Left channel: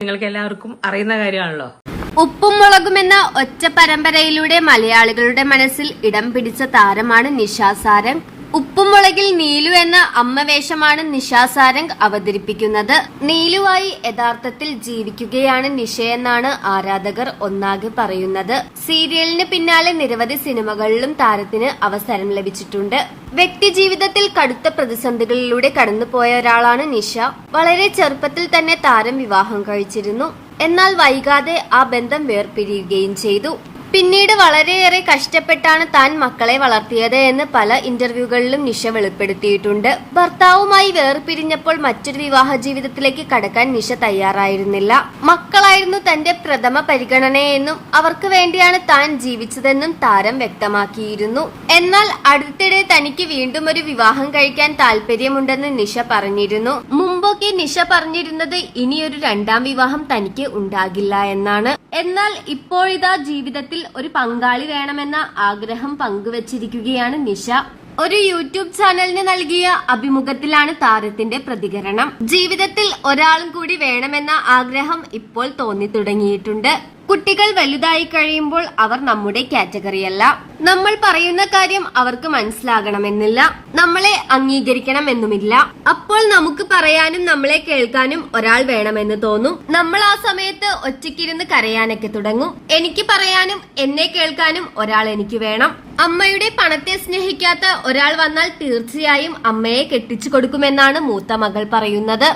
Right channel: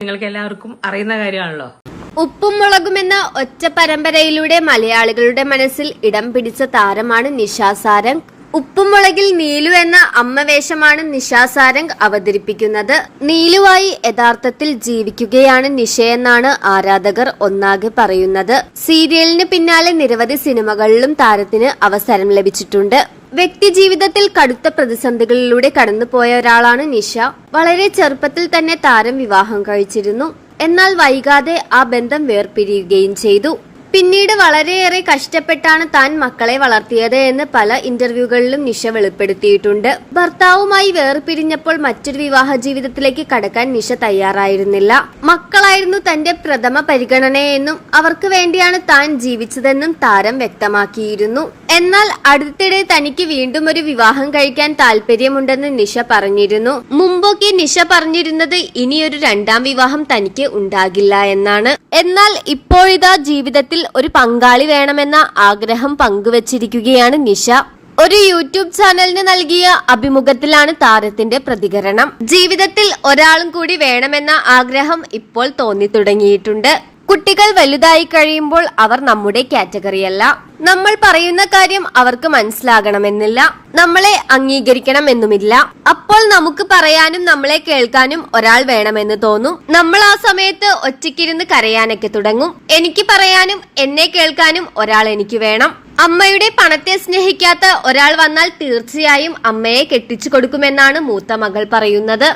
നിങ്ങൾക്ക് എല്ലാവർക്കും അറിയുന്ന കാര്യമാണല്ലോ. ഉപ്പും മുളകും എന്ന ഒറ്റ പരമ്പരയിലൂടെ മലയാളികളുടെ മനസ്സിൽ ഇടം പിടിച്ച താരമാണ് നിഷ സാരംഗ്. ഉപ്പും മുളകിൽ നീലു എന്ന അമ്മവേഷമാണ് നിഷ സാരംഗ് അവതരിപ്പിക്കുന്നത്. നീലുവായി യഥാർത്ഥത്തിൽ ജീവിക്കുകയാണ് നിഷയെന്നാണ് ആരാധകർ ഒന്നാകെ പറയുന്നത്. സീരിയലിന് പിന്നാലെ നിരവധി സിനിമകളിലും താരത്തിന് അവസരം ലഭിച്ചിട്ടുണ്ട്. വ്യക്തിജീവിതത്തിൽ കടുത്ത പ്രതിസന്ധികളിലൂടെ കടന്നുപോയ ഒരാളാണ് നിഷ. വളരെ ചെറുപ്പത്തിൽ തന്നെ താരം വിവാഹം കഴിച്ചിരുന്നു. എന്നാൽ വൈകാതെ ആ ബന്ധം വേർപിരിയുകയും ചെയ്തു. പിന്നീട് വളരെയേറെ കഷ്ടപ്പെട്ടാണ് താൻ മക്കളെ വളർത്തിയത് എന്ന് പല ഇന്റർവ്യൂകളിലും നിഷ വെളിപ്പെടുത്തിയിട്ടുണ്ട്. ഭർത്താവുമായി വേർപിരിഞ്ഞപ്പോൾ മറ്റൊരു വിവാഹ ജീവിതത്തിലേക്ക് കടക്കാൻ നിഷ തയ്യാറായിരുന്നില്ല. മക്കളായിരുന്നു തന്റെ പ്രഥമ പരിഗണനയെന്നും അവർക്ക് വേണ്ടിയാണ് താൻ ജീവിച്ചതെന്നും താരം വ്യക്തമാക്കിയിരുന്നു. എന്നാൽ അടുത്തിടെ തനിക്ക് വീണ്ടും ഒരു വിവാഹം കഴിക്കാൻ താല്പര്യമുണ്ടെന്ന് നിഷ പറഞ്ഞിരുന്നു. മുമ്പൊക്കെ നിഷ പറഞ്ഞിരുന്നത് ഇനിയൊരു രണ്ടാം വിവാഹം തനിക്ക് ഉണ്ടാകില്ല എന്നാണ്. എന്നാൽ ഇപ്പോഴിതാ ജീവിതത്തിൽ ഒരു പങ്കാളി വേണമെന്ന ആഗ്രഹം പങ്കുവച്ചിരിക്കുകയാണ് നിഷ. ഒരു യൂട്യൂബ് ചാനലിന് നൽകിയ അഭിമുഖത്തിലാണ് താരത്തിന്റെ പ്രതികരണം. ജീവിതത്തിൽ ഒരാളും കൂടി വേണമെന്ന ആഗ്രഹം ഇപ്പോൾ തോന്നി തുടങ്ങിയിട്ടുണ്ട്. കുട്ടികൾ വലുതായി കഴിയുമ്പോൾ അവർ നമ്മുടെ കാറ്റഗറിയല്ല. നമ്മൾ പറയുന്ന കാര്യം അവർക്ക് മനസ്സിലാകണമെന്നില്ല, നമ്മളെ അംഗീകരിക്കണമെന്നുമില്ല. അപ്പോൾ നമുക്ക് പറയാനും നമ്മളെ കേൾക്കാനും ഒരാൾ വേണമെന്ന് തോന്നും. നമ്മൾ ആ സമയത്ത് ഒറ്റയ്ക്കിരുന്ന് കരയാനൊക്കെ തുടങ്ങും. എനിക്ക് പറയാനും എന്നെ കേൾക്കാനും ഒരാൾ എനിക്ക് വേണം. അമ്മയുടെ പണത്തെ സ്നേഹിക്കാത്ത ഒരാൾ വന്നാൽ തീർച്ചയായും അമ്മയെ കെട്ടിച്ചു കൊടുക്കുമെന്നാണ് മൂത്ത മകൾ പറയുന്നത്.